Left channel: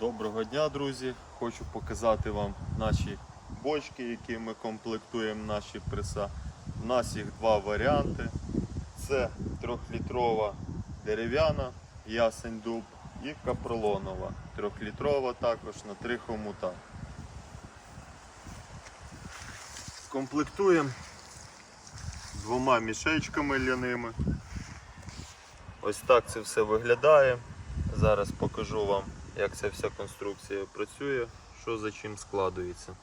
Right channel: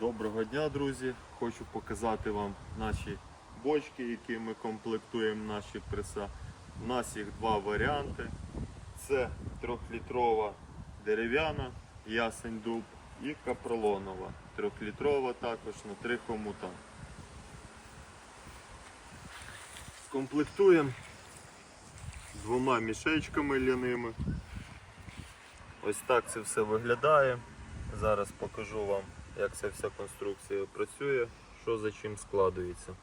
Доброго дня, друзі! Хочу показати вам наші бочки, які ми комплектуємо наші преса. У нас їх два варіанти. Це трьохлітрова дерев'яна ясень дуб і капролонова. Трьохлітрова також на три хомута. Комплектуємо двома мішечками ляними. Ось так це все виглядає. Зараз покажу вам, як ця вся конструкція працює, що за чим складується.